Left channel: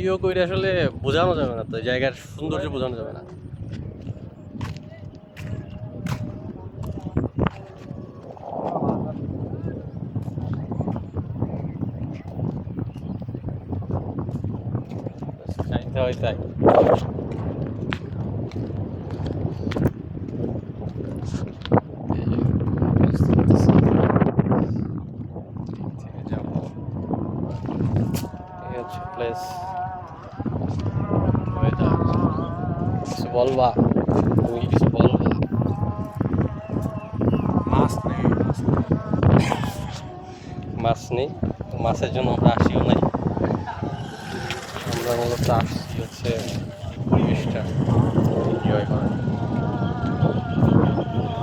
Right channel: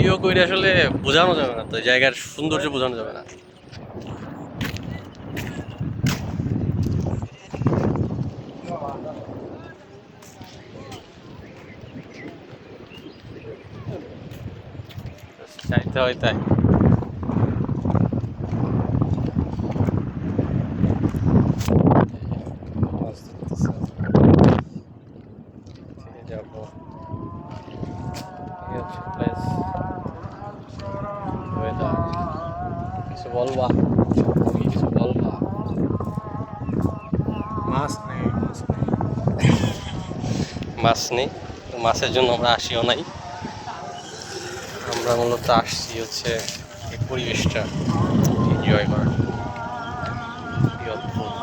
Video করে আসলে বোঝানো যাবে না, তো এই জায়গার সৌন্দর্য বোঝানো যাবে না। চাইতে হয় তাই। যাবো, এই হচ্ছে প্লেস। কিছু বলবা, তুমি কিছু বলবা? মাছ নেই, মাছ নেই। মাছ নেই, মাছের জন্য আমরা আসিও নাই। আমরা মূলত আসছি হচ্ছে এই পরিবেশটা এনজয় করার। কি অদ্ভুত।